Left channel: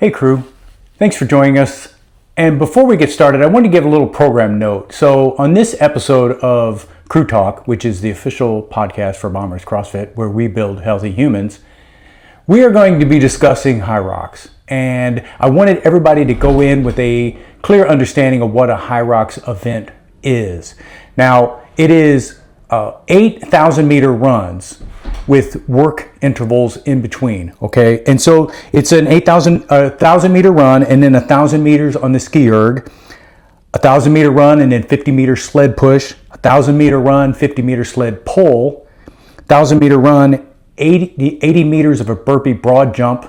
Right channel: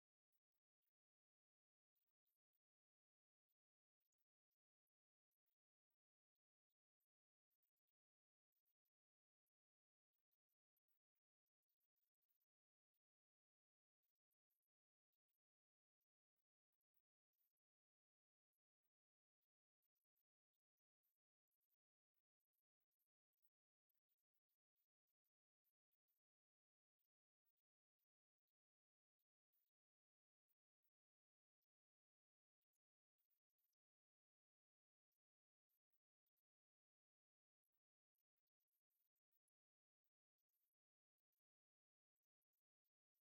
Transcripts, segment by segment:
Hey crew, thanks for joining us. And before we get started, I want to give a little program note. So on this episode of Crew Talk, which is the official podcast for Bombers CrossFit, where we build healthy humans, we are going to be discussing HYROX. And I wanted everybody to go in with a clear understanding of what a HYROX event is. Now, it is 8,000 meter runs with work intervals in between, okay? And so it's an 1,000 meter run and then 1,000 meters on the ski erg, 1,000 meter run and then 50 meter sled push, 1,000 meter run, 50 meter sled pull, 1,000 meter run, 80 meters of a burpee broad jump,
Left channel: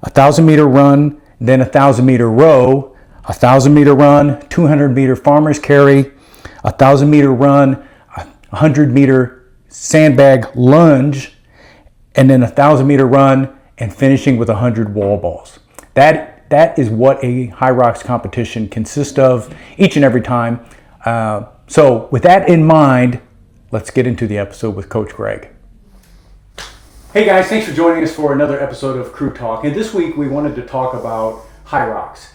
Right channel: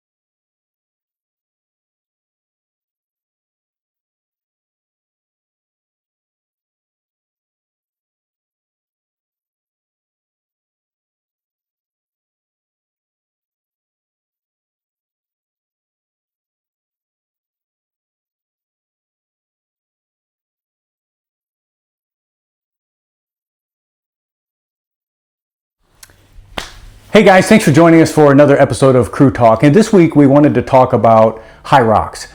1,000 meter run, then 1,000 meter row, 1,000 meter run, 200 meter farmer's carry, 1,000 meter run, 100 meter sandbag lunge, and then 1,000 meter run and finishing with 100 wall balls. That is what a HYROX competition consists of each and every time. So with that in mind, let's get into the episode with Coach Greg. Hey guys, thanks for joining us for another episode of Crew Talk. And this week we wanted to talk about HYROX.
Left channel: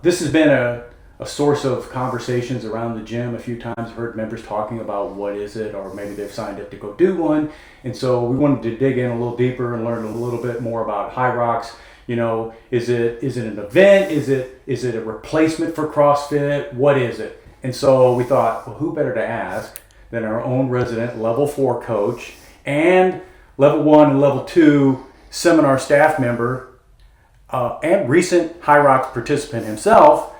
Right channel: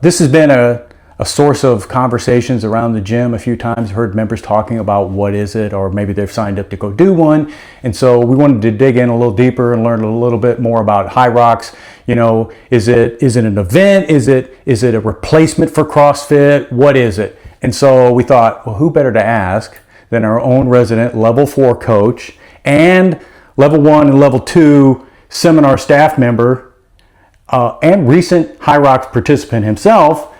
This has been a source of conversations around the gym a few times. Heard members talking about what is it, or maybe they've signed up to go do one. And so we wanted to dig in a little deeper and learn a little bit more about HYROX. You know, is it an event? Is it a replacement for CrossFit? What is it? And so we thought, well, who better to ask than our own resident level 4 coach and level 1 and level 2 seminar staff member and recent HYROX participant himself,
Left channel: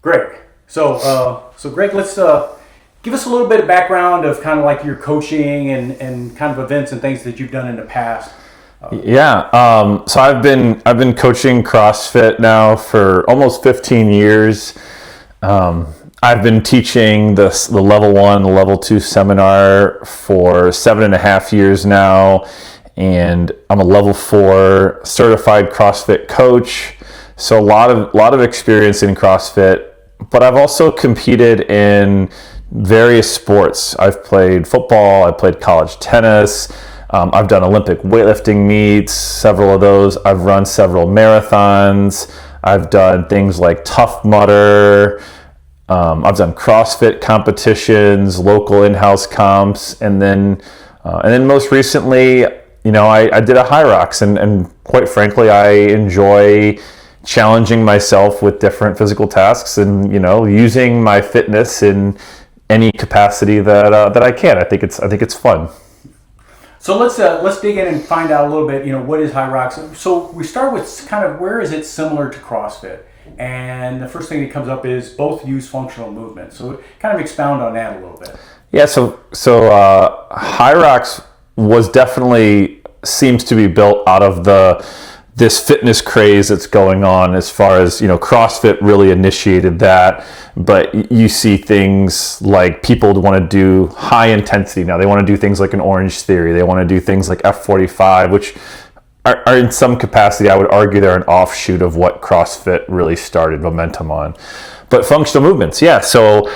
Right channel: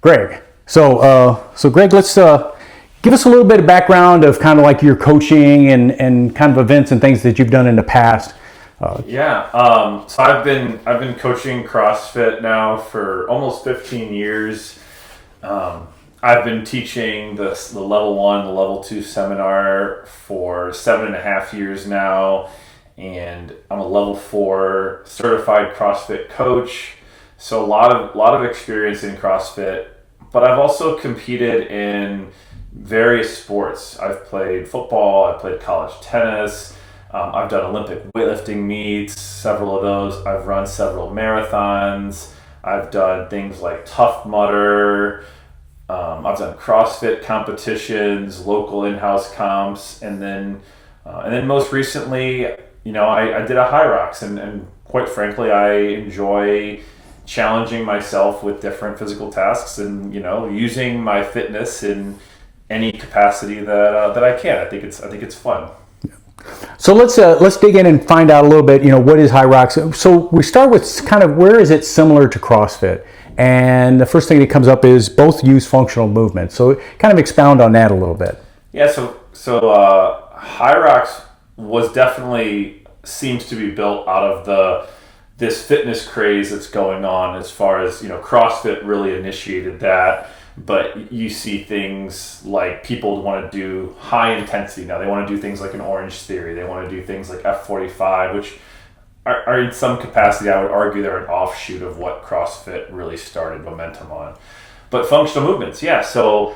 Greg. So Greg, let's give us a little bit of background of kind of like your coaching and kind of events and things that you've done in the past. So I've been coaching CrossFit now for almost 15 years. I've been teaching the level 1, the level 2 seminar for 7.5 years now, and I'm a level 4 certified CrossFit coach. So a lot of experience in CrossFit. But I've also competed in various sports. I've played football, I played college tennis, I've done Olympic weightlifting meets, several of those. I've run several marathons. I've done things like Tough Mudder. I've done CrossFit competitions, local in-house comps, and then most recently, you know, I did a HYROX, and quite frankly, I enjoy challenging myself with different physical tasks and, you know, using my fitness in any capacity that I can. I think it's fun. So let's dig in and find out a little bit, you know, what is HYROX? So we start with kind of where is it similar to CrossFit? And the first thing that comes up is both use functional movement. So kind of expound on that a little bit. Yeah, so HYROX was definitely seems to be built out of this fitness craze that's going on, as far as, you know, CrossFit really initiated that. But you see things like people want to do high intensity now. They want to do things like an Orange Theory. They want to do things like F45, which are in some capacity, I would argue, they're an offshoot of what CrossFit really started momentum on. But functional movements, yeah. So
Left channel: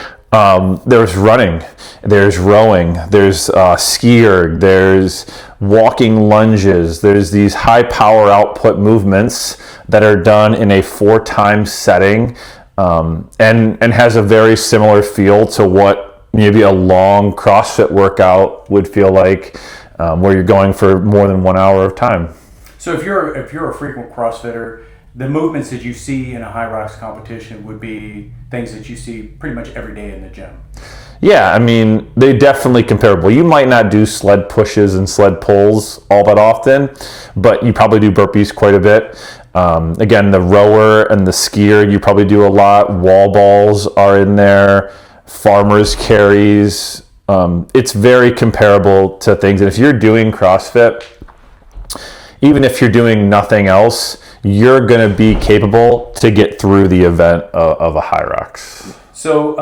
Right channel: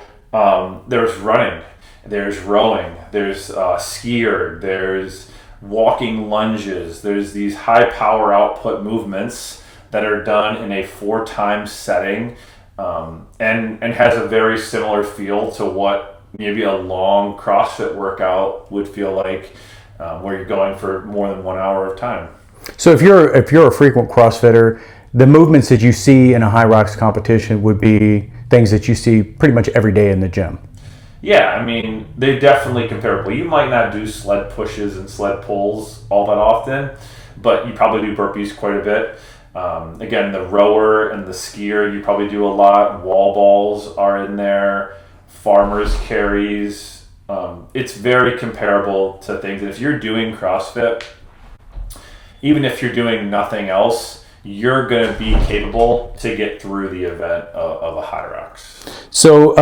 there's running, there's rowing, there's ski erg, there's walking lunges, there's these high power output movements that are done in a 4-time setting, and has a very similar feel to what maybe a long CrossFit workout would feel like, where you're going for more than 1 hour of time. So if you're a frequent CrossFitter, the movements that you see in a HYROX competition would be things that you see pretty much every day in the gym. Yeah, I mean, they're definitely comparable. You might not do sled pushes and sled pulls all that often, but you probably do burpees quite a bit. Again, the rower and the skier, you probably do a lot. Wall balls are in there, farmer's carries. It's very comparable to things. And if you're doing CrossFit, even if you're doing nothing else, you're going to be capable to get through the event of a HYROX. So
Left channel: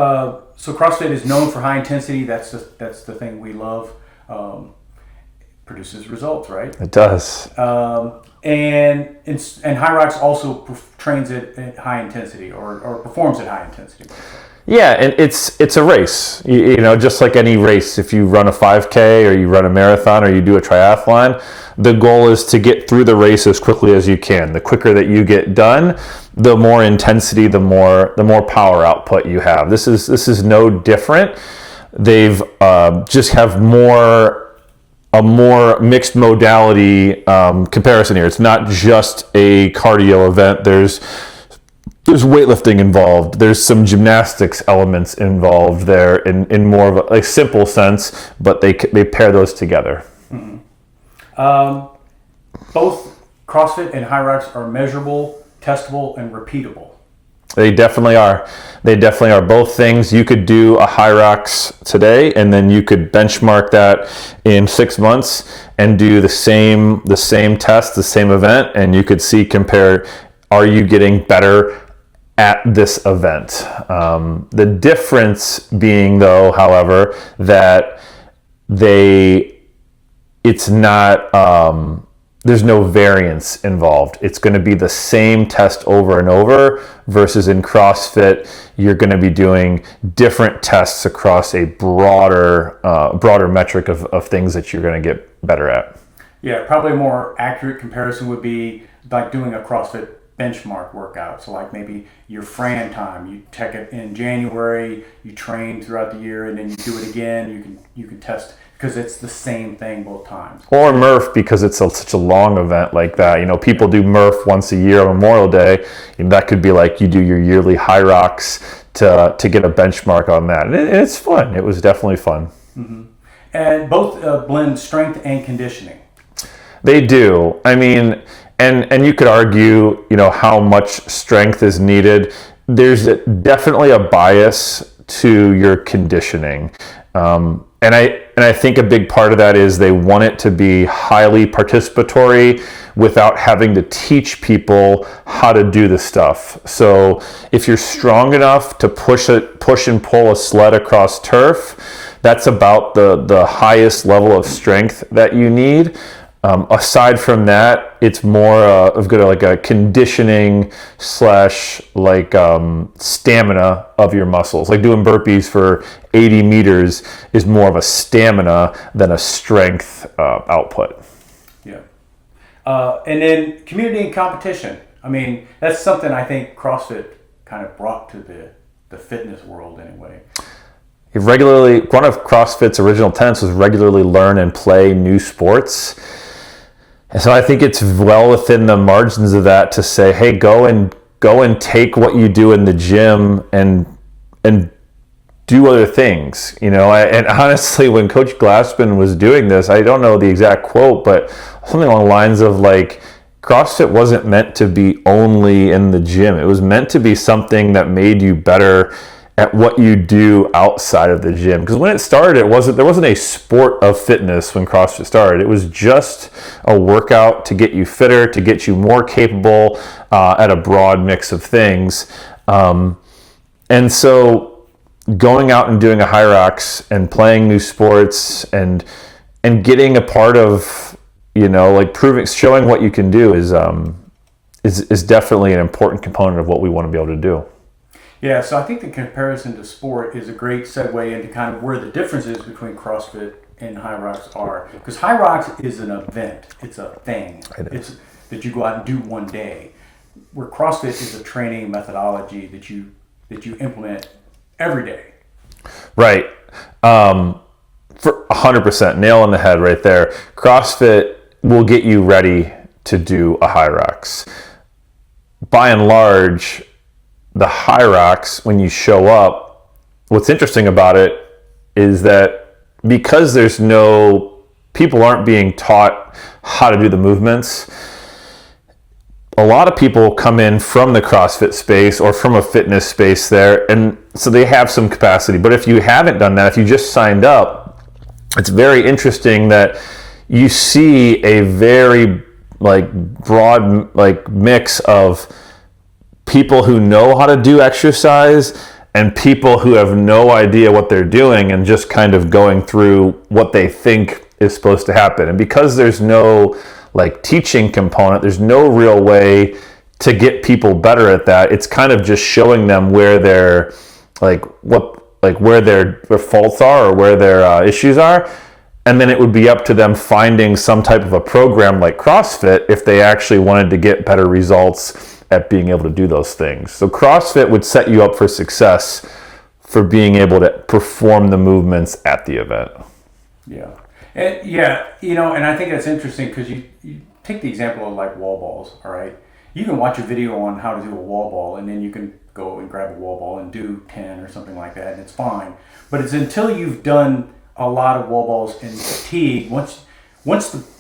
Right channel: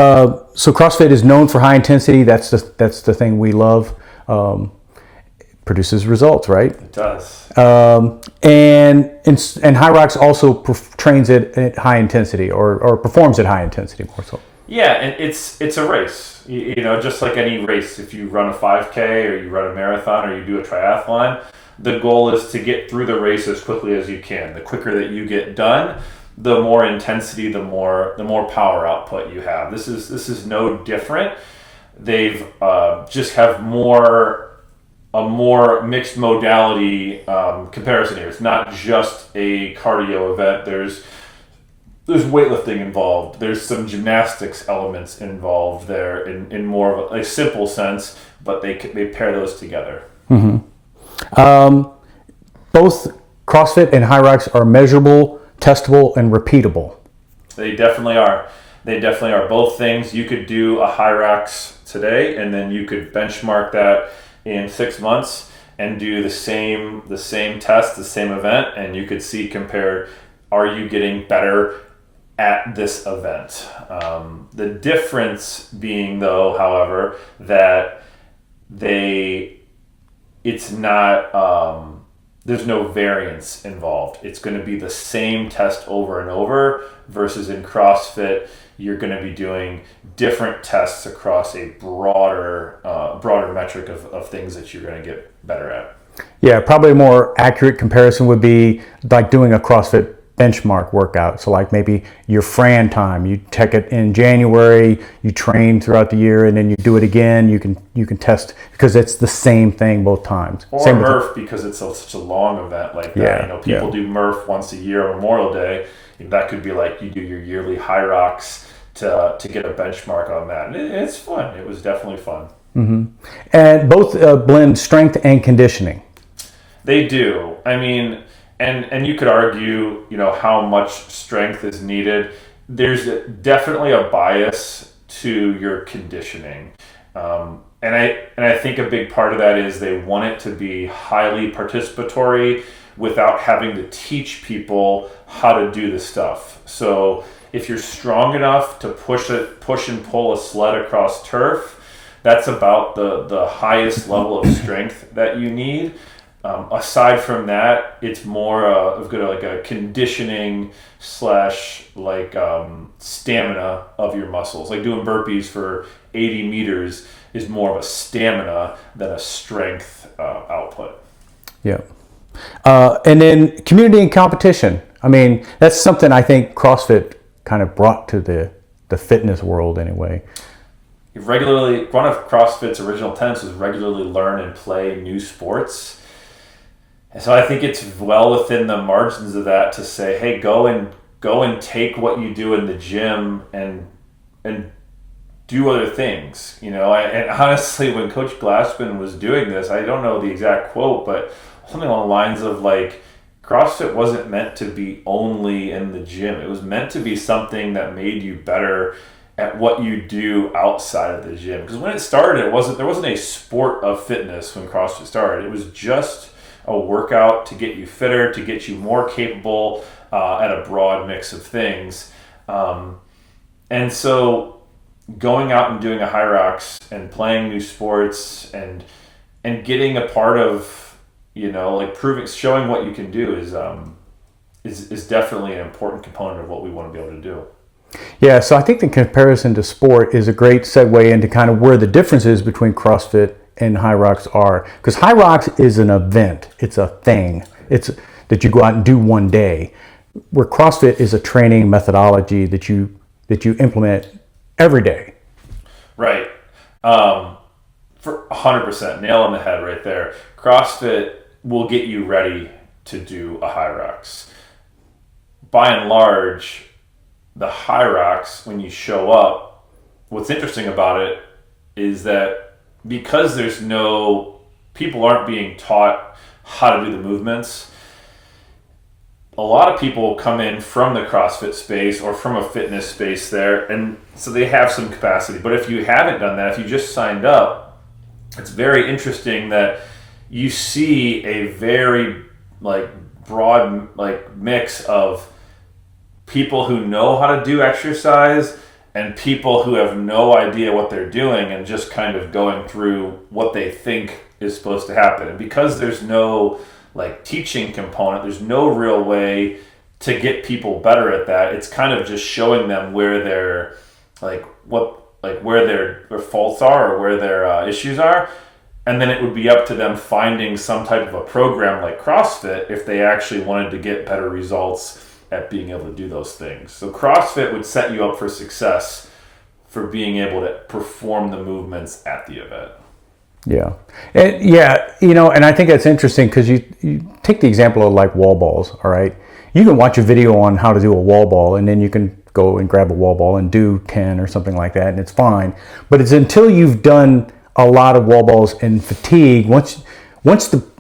CrossFit is known for high intensity. That's the thing we love. Produces results, right? It does. And HYROX also trains it at high intensity, or performs at high intensity. Yeah, and it's a race. You know, just like any race, if you run a 5K or you run a marathon or you do a triathlon, the goal is to get through the race as quickly as you can. The quicker that you get done, the more intensity, the more power output you have. This is no different. They've just have a more mixed modality comparison here. It's not just a cardio event. There's weightlifting involved. There's some gymnastics elements involved there in more of a simple sense, but they pair those together. Mm-hmm. Both CrossFit and HYROX are measurable, testable, and repeatable. They definitely are. They definitely are. Both things. You could do a HYROX today, and then you could benchmark that in 6 months and do the same test, the same event, and you could compare, are you getting better at this event? The difference being, though, however, that it's not, there's no variance involved. It's going to be the same test over and over, versus in CrossFit, you're going to be doing different tests across a broader metric of things that you're going to get better at. Yeah, probably a more accurate comparison would be like doing a CrossFit benchmark workout. So like maybe your Fran time, you take it in January, you train throughout the year, and then you do it again. You can test, because it's the same thing both times. Or Murph, because it's such a long event like that. Yeah, People do Murph once a year on Memorial Day, and that could be like you do your yearly HYROX to get a benchmark on that. And it's fun. It was definitely fun. Mm-hmm. And both blend strength and conditioning. They do. I mean, and you could argue, how much strength is needed. There's definitely a bias to your conditioning. And I think a big part of that is they want it to be highly participatory without having to teach people how to do the stuff. So if you're strong enough to push and pull a sled across turf, that's about the highest level of strength that you need. Aside from that, it's more of like a conditioning / stamina of your muscles. Like doing burpees for 80 meters is more of a stamina than a strength output. Yeah. And then community and competition. I mean, that's something I think CrossFit kind of brought to the fitness world anyway. One of CrossFit's original tenets was regularly learn and play new sports. And so I think it's well within the margins of that to say, hey, go and take what you do in the gym and do other things. And honestly, when Coach Glassman was doing this, I don't know the exact quote, but something along the lines of like, CrossFit wasn't meant to be only in the gym. It was meant to be something that made you better at what you do outside of the gym. Because when it started, there wasn't a sport of fitness when CrossFit started. It was just a workout to get you fitter, to get you more capable at a broad mix of things. And so going out and doing a HYROX and playing new sports and getting a part of, showing what you can do is definitely an important component of what we want to be able to do. Yeah, so I think the comparison to sport is a great segue into kind of where the differences between CrossFit and HYROX are. Because HYROX is an event. It's a thing. It's that you go out and do one day. Where CrossFit is a training methodology that you implement every day. Right. For 100%, nail on the head right there. CrossFit will get you ready to do a HYROX. By and large, the HYROX, when you show up, what's interesting about it is that because people aren't being taught how to do the movements, a lot of people come in from the CrossFit space or from a fitness space there, and so they have some capacity. But if you haven't done that, if you just signed up, it's very interesting that you see a very broad mix of people who know how to do exercise and people who have no idea what they're doing and just kind of going through what they think is supposed to happen. And because there's no teaching component, there's no real way to get people better at that. It's kind of just showing them where where their faults are or where their issues are. And then it would be up to them finding some type of a program like CrossFit if they actually wanted to get better results at being able to do those things. So CrossFit would set you up for success for being able to perform the movements at the event. Yeah. And I think that's interesting because you take the example of like wall balls, all right? You can watch a video on how to do a wall ball, and then you can go and grab a wall ball and do 10 or something like that, and it's fine. But it's until you've done a lot of wall balls and fatigue, once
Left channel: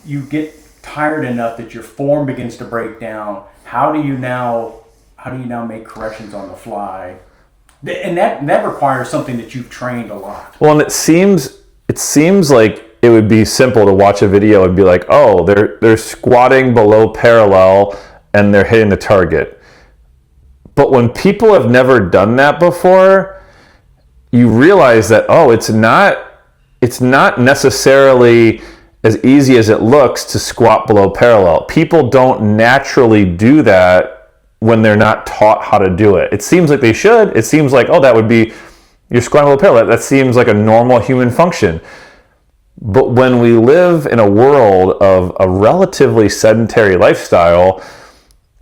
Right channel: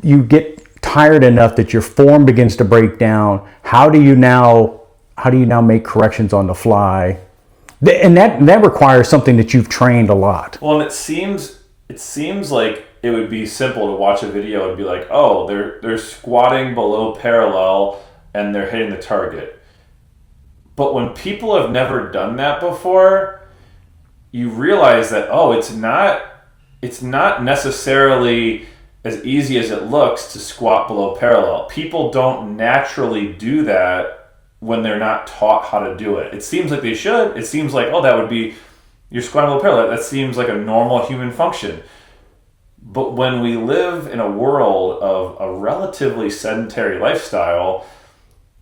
you get tired enough that your form begins to break down, how do you now make corrections on the fly? And that requires something that you've trained a lot. Well, and it seems like it would be simple to watch a video and be like, oh, they're squatting below parallel and they're hitting the target. But when people have never done that before, you realize that, oh, it's not necessarily as easy as it looks to squat below parallel. People don't naturally do that when they're not taught how to do it. It seems like they should. It seems like, oh, that would be, you're squatting below parallel. That seems like a normal human function. But when we live in a world of a relatively sedentary lifestyle,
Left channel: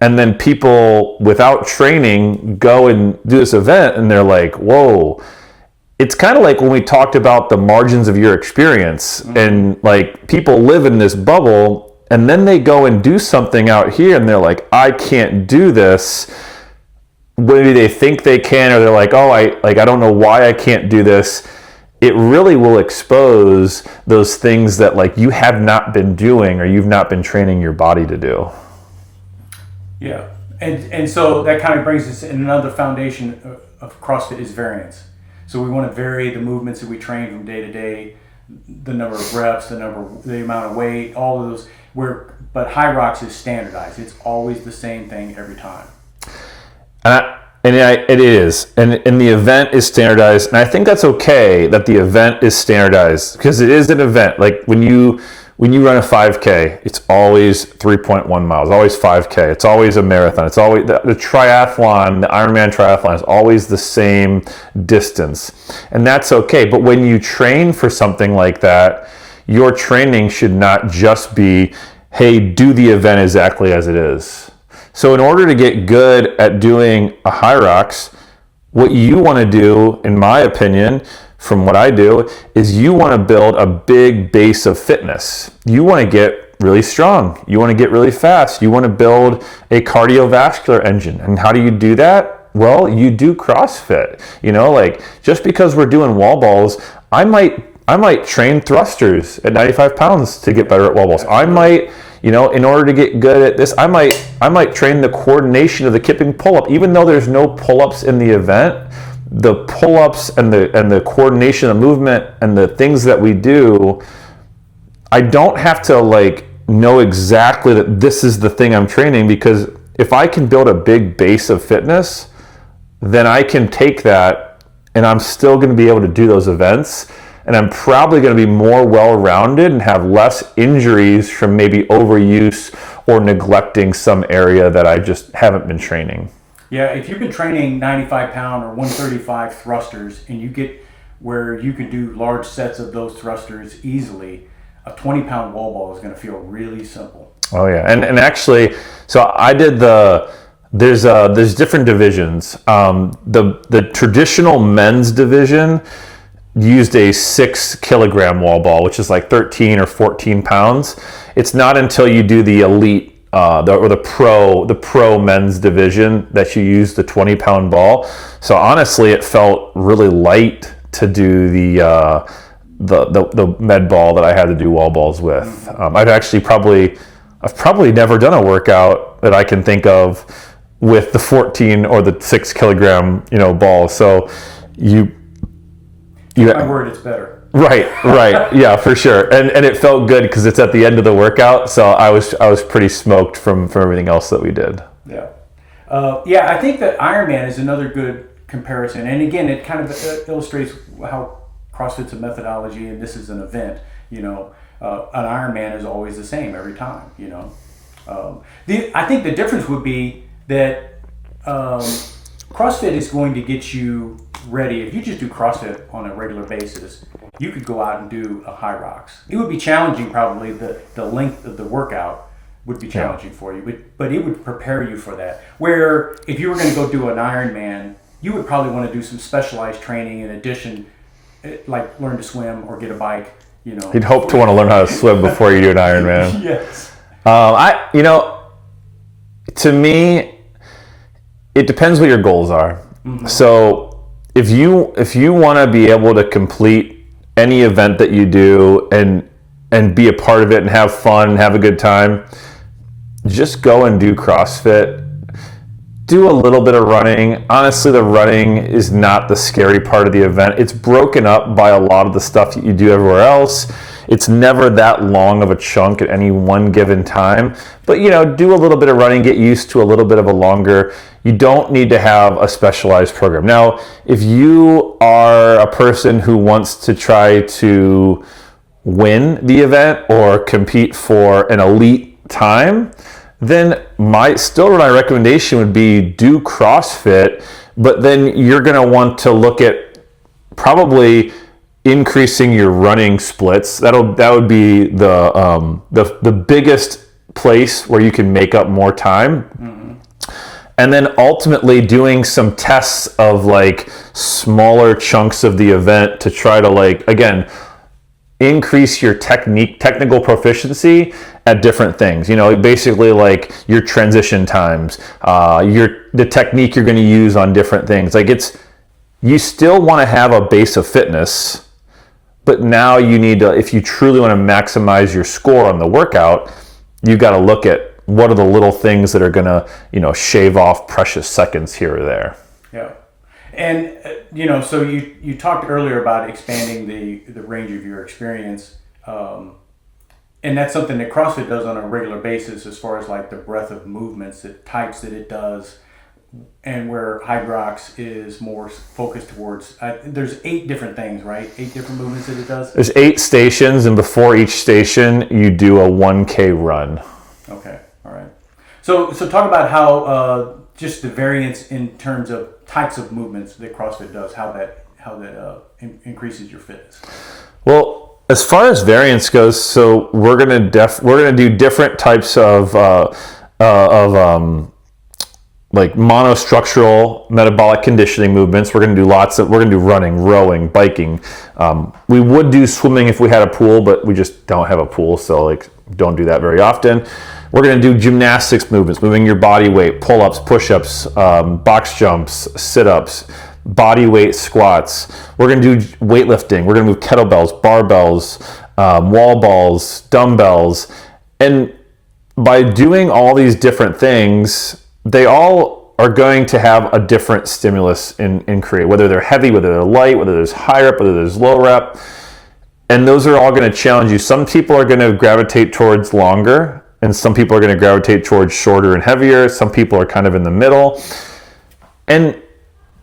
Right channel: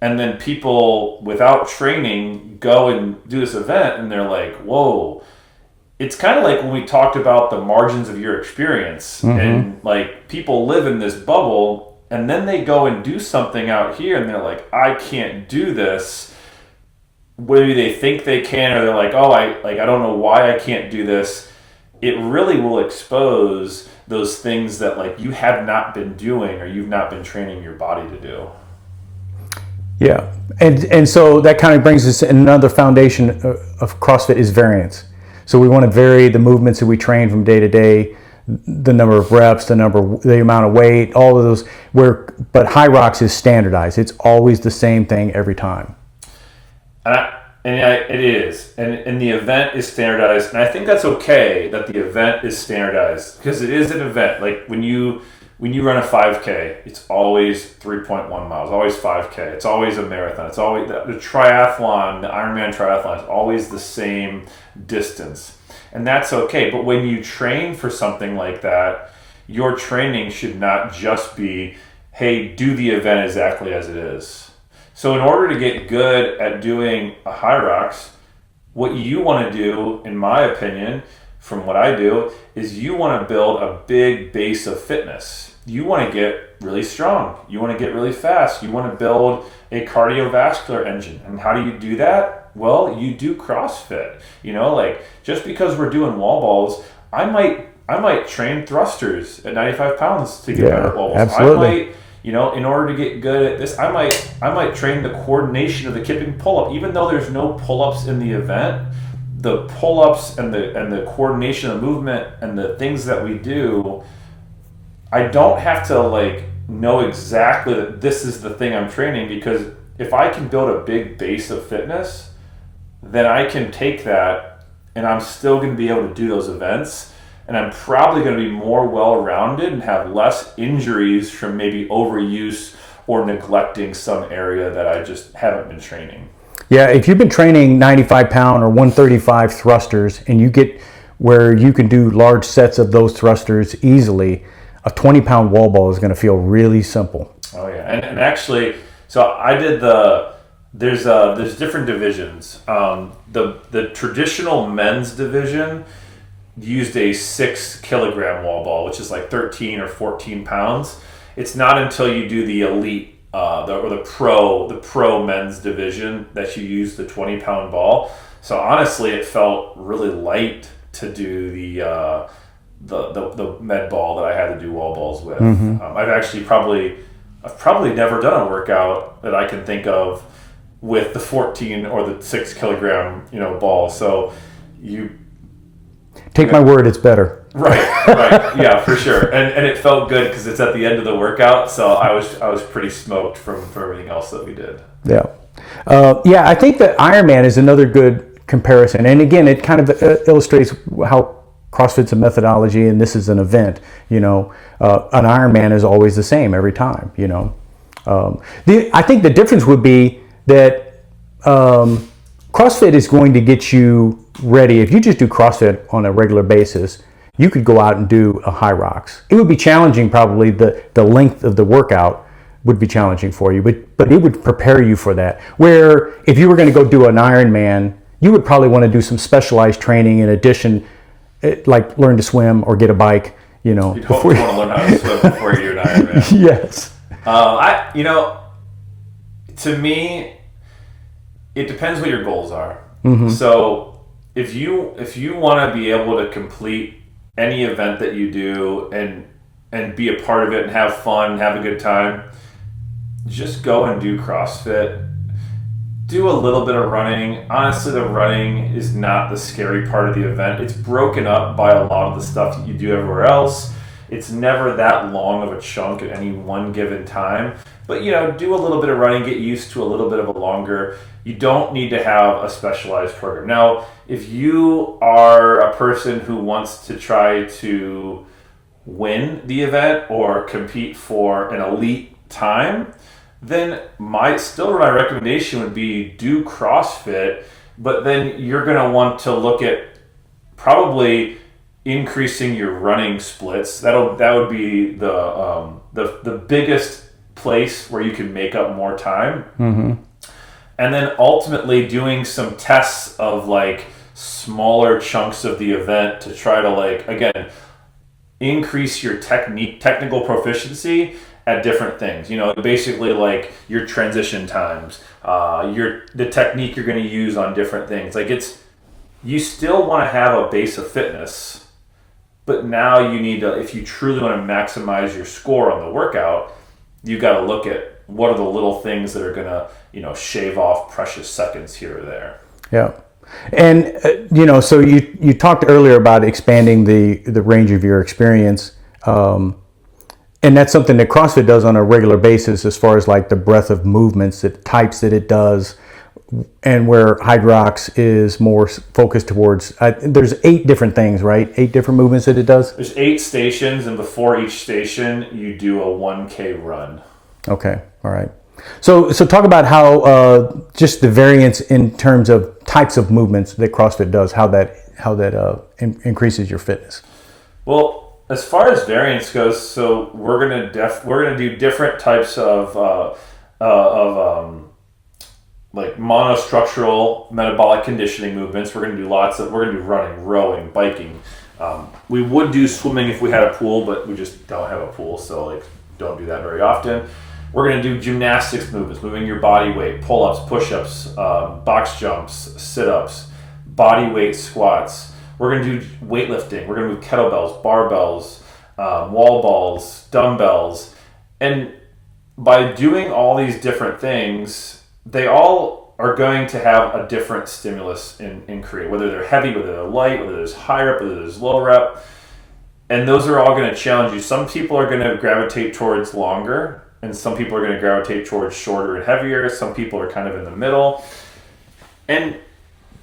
and then people without training go and do this event and they're like, whoa, it's kind of like when we talked about the margins of your experience, and like people live in this bubble and then they go and do something out here and they're like, I can't do this. Maybe they think they can, or they're like, oh, I don't know why I can't do this. It really will expose those things that like you have not been doing or you've not been training your body to do. Yeah. And so that kind of brings us another foundation of CrossFit is variance. So we want to vary the movements that we train from day to day, the number of reps, the amount of weight, all of those. But HYROX is standardized. It's always the same thing every time. It is. And the event is standardized. And I think that's okay that the event is standardized because it is an event. Like when you run a 5K, it's always 3.1 miles, always 5K. It's always a marathon. It's always the triathlon, the Ironman triathlon is always the same distance. And that's okay. But when you train for something like that, your training should not just be, hey, do the event exactly as it is. So in order to get good at doing a HYROX, what you want to do, in my opinion, from what I do, is you want to build a big base of fitness. You want to get really strong. You want to get really fast. You want to build a cardiovascular engine. And how do you do that? Well, you do CrossFit. Like just because we're doing wall balls, I might train thrusters at 95 pounds to get better at wall balls. Absolutely. I might, in order to get good at this, I might train the coordination of the kipping pull-up. Even though there's no pull-ups in the event, the pull-ups and the coordination of movement and the things that we do, I don't have to like know exactly that this is the thing I'm training, because if I can build a big base of fitness, then I can take that and I'm still going to be able to do those events, and I'm probably going to be more well-rounded and have less injuries from maybe overuse or neglecting some area that I just haven't been training. Yeah, if you've been training 95-pound or 135 thrusters and you get where you can do large sets of those thrusters easily, a 20-pound wall ball is going to feel really simple. Oh yeah, and actually, so I did there's different divisions. The traditional men's division used a 6 kilogram wall ball, which is like 13 or 14 pounds. It's not until you do the elite the pro men's division that you use the 20-pound ball. So honestly, it felt really light to do the med ball that I had to do wall balls with. I've probably never done a workout that I can think of with the 14 or the 6 kilogram ball. So Take my word, it's better. Right, yeah, for sure, and it felt good because it's at the end of the workout, so I was pretty smoked from everything else that we did. Yeah, I think that Ironman is another good comparison, and again, it kind of illustrates how CrossFit's a methodology, and this is an event. An Ironman is always the same every time. I think the difference would be that CrossFit is going to get you ready. If you just do CrossFit on a regular basis, you could go out and do a HYROX. It would be challenging, probably the length of the workout would be challenging for you, but it would prepare you for that. Where if you were going to go do an Ironman, you would probably want to do some specialized training in addition, like learn to swim or get a bike. You know, you'd hope to want to learn how to swim before you do an Ironman. Yes. To me, it depends what your goals are. Mm-hmm. So if you want to be able to complete any event that you do and be a part of it and have fun and have a good time, just go and do CrossFit. Do a little bit of running. Honestly, the running is not the scary part of the event. It's broken up by a lot of the stuff that you do everywhere else. It's never that long of a chunk at any one given time. But, do a little bit of running, get used to a little bit of a longer. You don't need to have a specialized program. Now, if you are a person who wants to try to win the event or compete for an elite time, then my recommendation would be do CrossFit, but then you're going to want to look at probably increasing your running splits. That would be the biggest place where you can make up more time. Mm-hmm. And then ultimately doing some tests of like smaller chunks of the event to try to again, increase your technical proficiency at different things. Basically like your transition times, the technique you're going to use on different things. You still want to have a base of fitness, but now you need to, if you truly want to maximize your score on the workout, you got to look at what are the little things that are going to, shave off precious seconds here or there. Yeah. And, so you talked earlier about expanding the range of your experience. And that's something that CrossFit does on a regular basis as far as like the breadth of movements, the types that it does, and where HYROX is more focused towards, there's 8 different things, right? 8 different movements that it does? There's 8 stations, and before each station, you do a 1K run. Okay, all right. So talk about how just the variance in terms of types of movements that CrossFit does, how that increases your fitness. Well, as far as variance goes, so we're gonna do different types of like monostructural metabolic conditioning movements. We're gonna do running, rowing, biking. We would do swimming if we had a pool, but we just don't have a pool, so don't do that very often. We're going to do gymnastics movements, moving your body weight, pull-ups, push-ups, box jumps, sit-ups, body weight squats. We're going to do weightlifting. We're going to move kettlebells, barbells, wall balls, dumbbells. And by doing all these different things, they all are going to have a different stimulus in create, whether they're heavy, whether they're light, whether there's high rep, whether there's low rep. And those are all going to challenge you. Some people are going to gravitate towards longer, and some people are going to gravitate towards shorter and heavier. Some people are kind of in the middle. And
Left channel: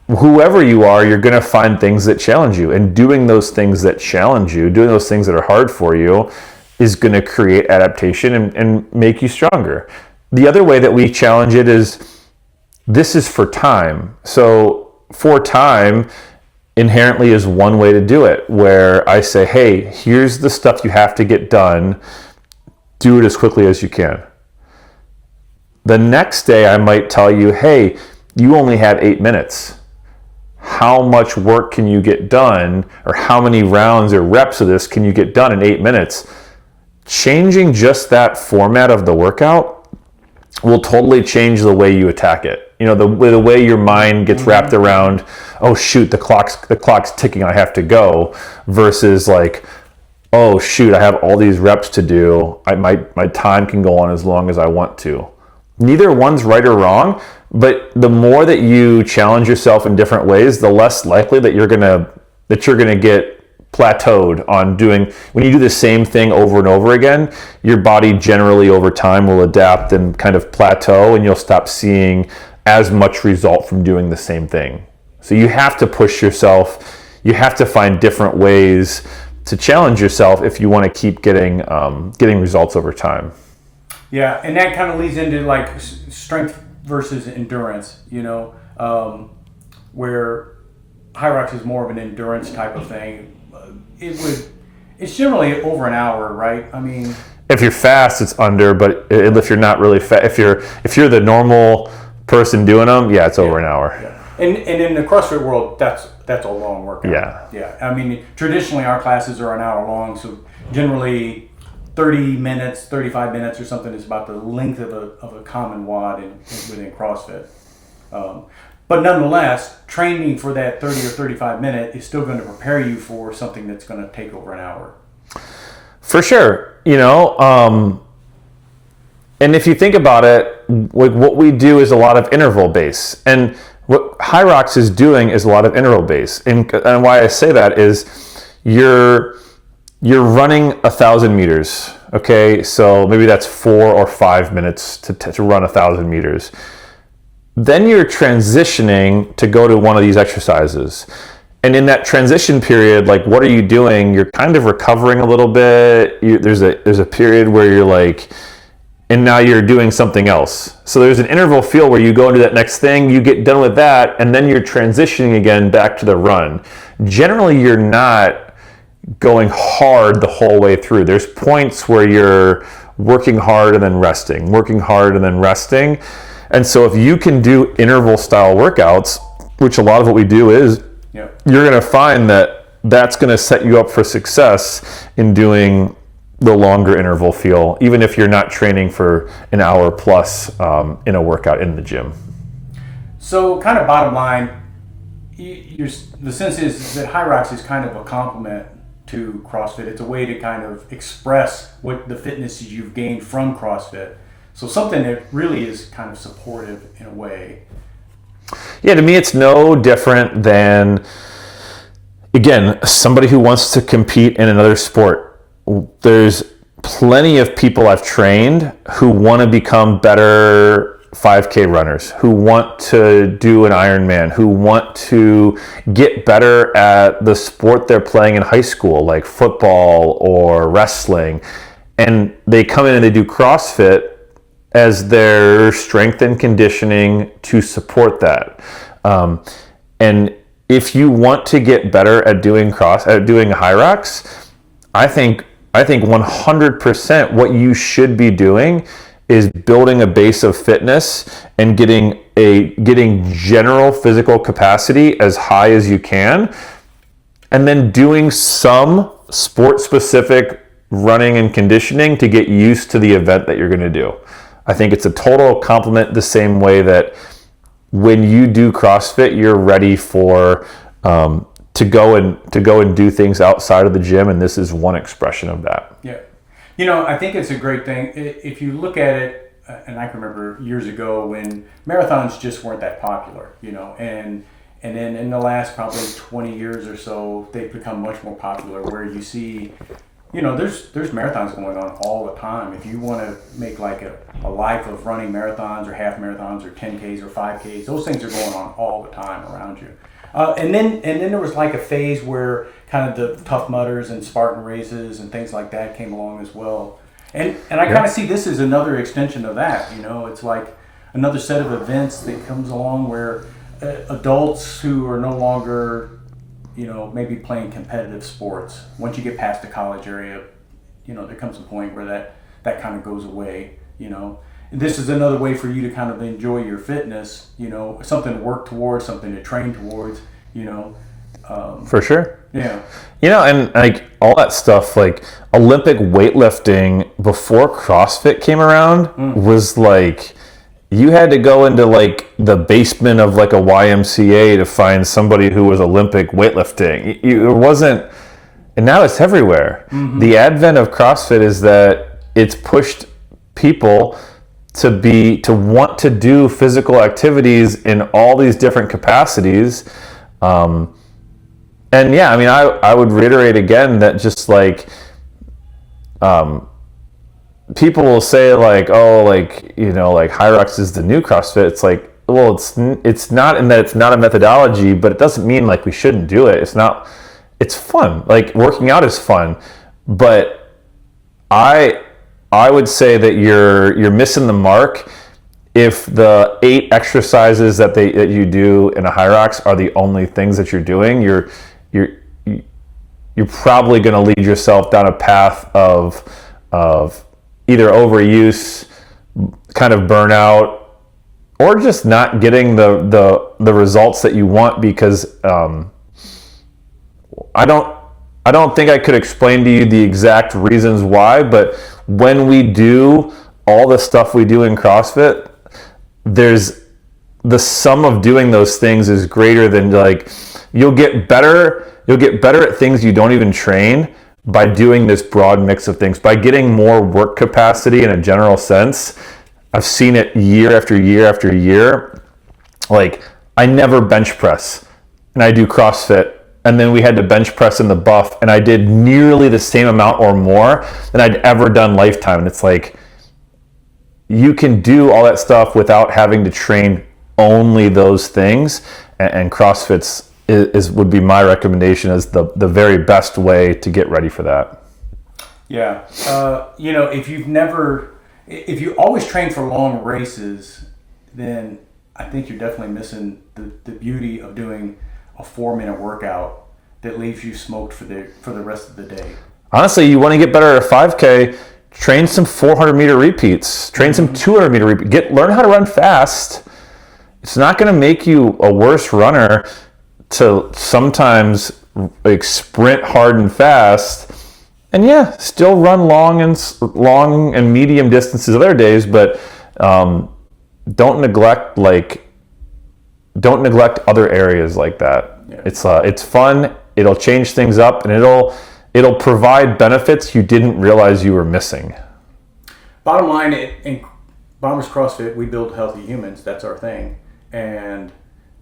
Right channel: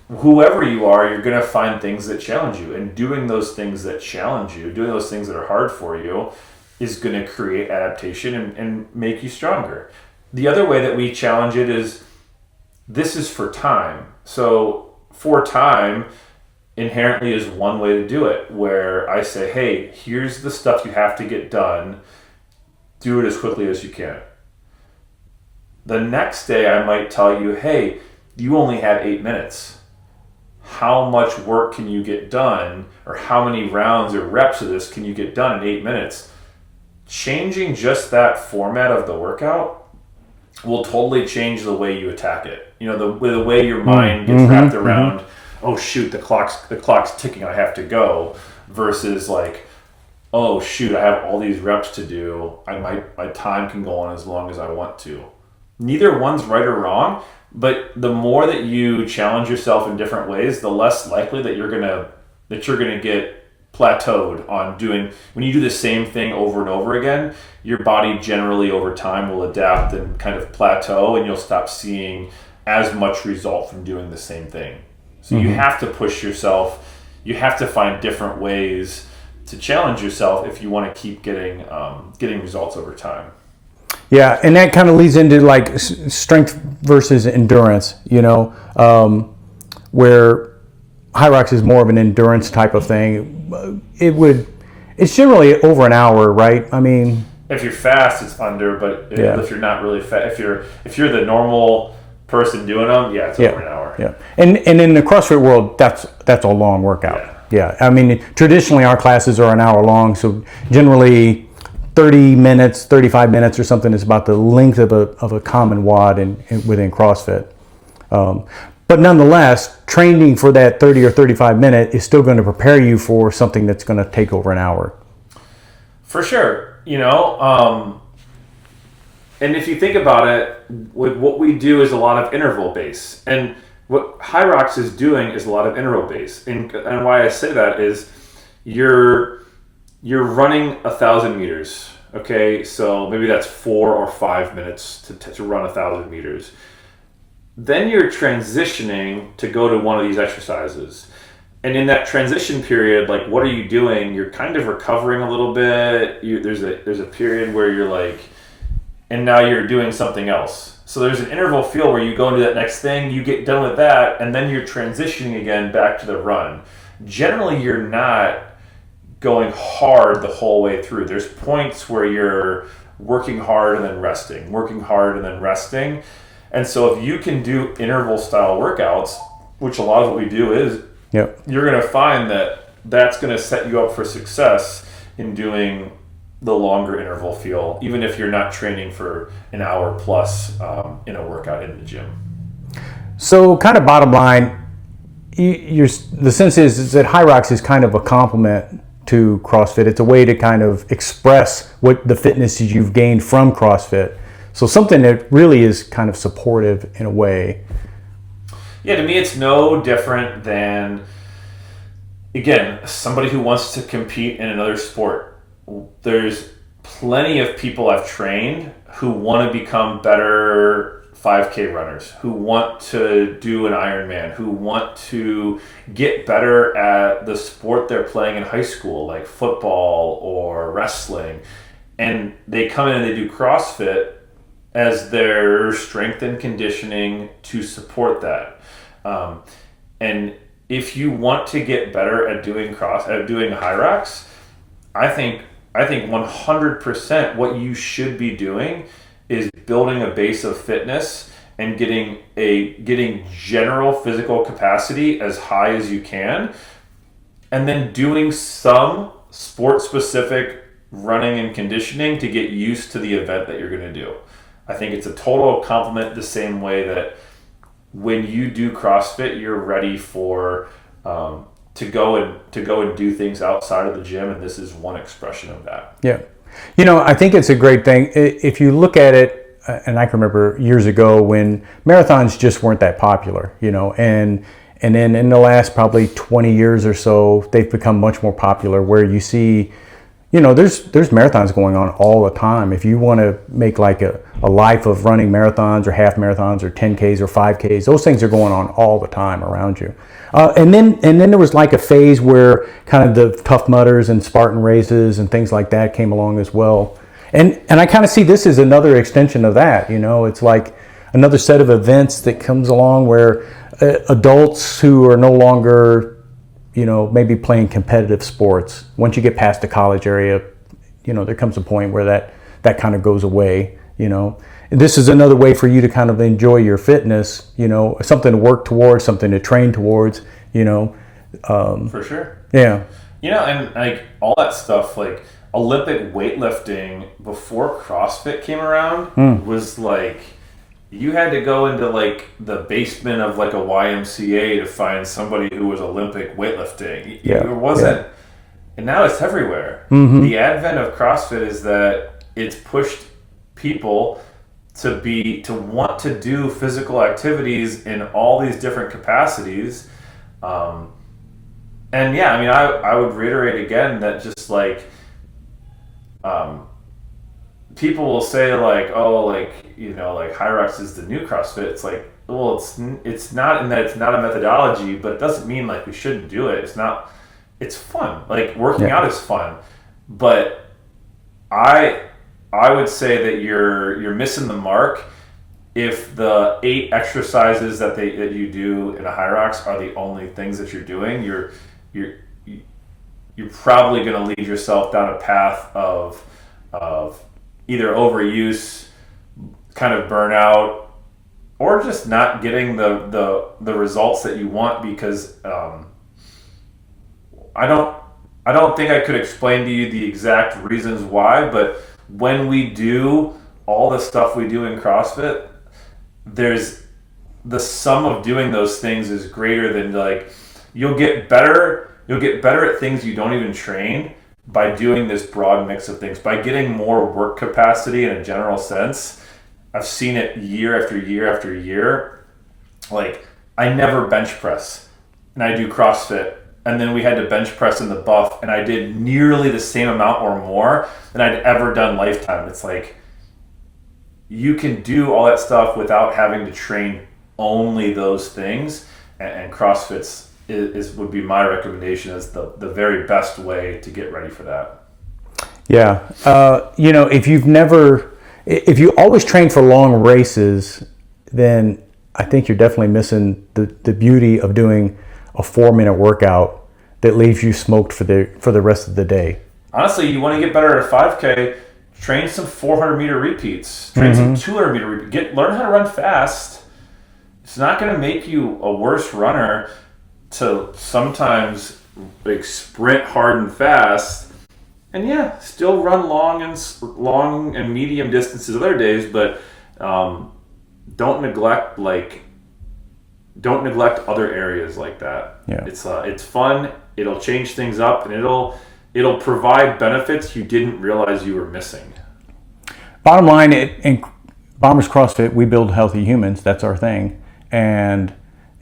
whoever you are, you're going to find things that challenge you. And doing those things that challenge you, doing those things that are hard for you, is going to create adaptation and make you stronger. The other way that we challenge it is, this is for time. So for time inherently is one way to do it, where I say, hey, here's the stuff you have to get done. Do it as quickly as you can. The next day I might tell you, hey, you only had 8 minutes. How much work can you get done, or how many rounds or reps of this can you get done in 8 minutes? Changing just that format of the workout will totally change the way you attack it. The way your mind gets wrapped around, oh shoot, the clock's ticking, I have to go, versus like, oh shoot, I have all these reps to do. My time can go on as long as I want to. Neither one's right or wrong, but the more that you challenge yourself in different ways, the less likely that you're gonna get plateaued on doing. When you do the same thing over and over again, your body generally over time will adapt and kind of plateau, and you'll stop seeing as much result from doing the same thing. So you have to push yourself. You have to find different ways to challenge yourself if you want to keep getting results over time. Yeah, and that kind of leads into like strength versus endurance. where HYROX is more of an endurance type of thing. It's generally over an hour, right? I mean, if you're fast, it's under, but if you're not really fast, if you're the normal person doing them, it's over an hour. Yeah, and in the CrossFit world, that's a long workout. Yeah. I mean, traditionally our classes are an hour long, so generally 30 minutes, 35 minutes or something is about the length of a common WOD within CrossFit. But nonetheless, training for that 30 or 35 minute is still going to prepare you for something that's going to take over an hour. For sure. And if you think about it, what we do is a lot of interval base. And what HYROX is doing is a lot of interval base. And why I say that is you're running 1,000 meters. Okay, so maybe that's 4 or 5 minutes to run 1,000 meters. Then you're transitioning to go to one of these exercises. And in that transition period, like, what are you doing? You're kind of recovering a little bit. There's a period where you're like, and now you're doing something else. So there's an interval feel where you go into that next thing, you get done with that, and then you're transitioning again back to the run. Generally, you're not going hard the whole way through. There's points where you're working hard and then resting, working hard and then resting. And so if you can do interval style workouts, which a lot of what we do is, you're going to find that that's going to set you up for success in doing the longer interval feel, even if you're not training for an hour plus in a workout in the gym. So kind of bottom line, the sense is that HYROX is kind of a complement to CrossFit. It's a way to kind of express what the fitness you've gained from CrossFit. So something that really is kind of supportive in a way. Yeah, to me it's no different than, again, somebody who wants to compete in another sport. There's plenty of people I've trained who want to become better 5K runners, who want to do an Ironman, who want to get better at the sport they're playing in high school, like football or wrestling. And they come in and they do CrossFit as their strength and conditioning to support that. And if you want to get better at doing HYROX, I think 100% what you should be doing is building a base of fitness and getting general physical capacity as high as you can, and then doing some sport-specific running and conditioning to get used to the event that you're going to do. I think it's a total complement, the same way that when you do CrossFit, you're ready for to go and do things outside of the gym, and this is one expression of that. Yeah. I think it's a great thing. If you look at it, and I can remember years ago when marathons just weren't that popular, and then in the last probably 20 years or so, they've become much more popular, where you see, there's marathons going on all the time. If you want to make like a life of running marathons or half marathons or 10Ks or 5Ks, those things are going on all the time around you. And then there was like a phase where kind of the Tough Mudders and Spartan races and things like that came along as well. And I kind of see this as another extension of that. It's like another set of events that comes along where adults who are no longer, maybe playing competitive sports, once you get past the college area, there comes a point where that kind of goes away. And this is another way for you to kind of enjoy your fitness, something to work towards, something to train towards, For sure. Yeah. And like all that stuff, like Olympic weightlifting before CrossFit came around was like, you had to go into like the basement of like a YMCA to find somebody who was Olympic weightlifting. It wasn't, and now it's everywhere. Mm-hmm. The advent of CrossFit is that it's pushed people to want to do physical activities in all these different capacities. And yeah, I mean, I would reiterate again that just like, people will say like, oh, like, like HYROX is the new CrossFit. It's like, well, it's not in that it's not a methodology, but it doesn't mean like we shouldn't do it. It's fun. Like working out is fun, but I would say that you're missing the mark if the 8 exercises that you do in a HYROX are the only things that you're doing, you're probably going to lead yourself down a path of either overuse, kind of burnout, or just not getting the results that you want, because I don't think I could explain to you the exact reasons why, but when we do all the stuff we do in CrossFit, there's the sum of doing those things is greater than, like, you'll get better at things you don't even train by doing this broad mix of things, by getting more work capacity in a general sense. I've seen it year after year after year. Like, I never bench press, and I do CrossFit, and then we had to bench press in the buff, and I did nearly the same amount or more than I'd ever done lifetime. And it's like, you can do all that stuff without having to train only those things, and CrossFit's would be my recommendation as the very best way to get ready for that. Yeah. If you always train for long races, then I think you're definitely missing the beauty of doing a 4-minute workout that leaves you smoked for the rest of the day. Honestly, you want to get better at a 5K, train some 400-meter repeats, train some 200-meter repeats, learn how to run fast. It's not going to make you a worse runner to sometimes, like, sprint hard and fast, and still run long and medium distances other days, but don't neglect other areas like that. Yeah. It's fun. It'll change things up, and it'll provide benefits you didn't realize you were missing. Bottom line, in Bombers CrossFit, we build healthy humans. That's our thing, and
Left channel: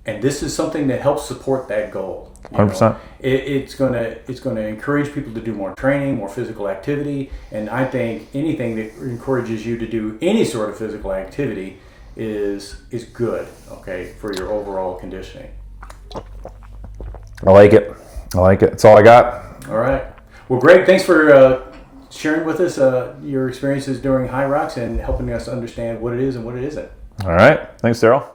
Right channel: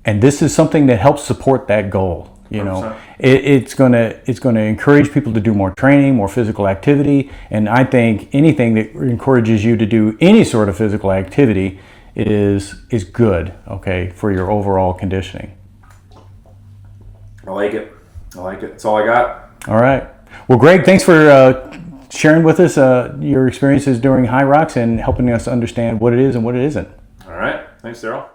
this is something that helps support that goal. You know, it's going to encourage people to do more training, more physical activity, and I think anything that encourages you to do any sort of physical activity is good, okay, for your overall conditioning. I like it. That's all I got. All right. Well, Greg, thanks for sharing with us your experiences during HYROX and helping us understand what it is and what it isn't. All right. Thanks, Daryl.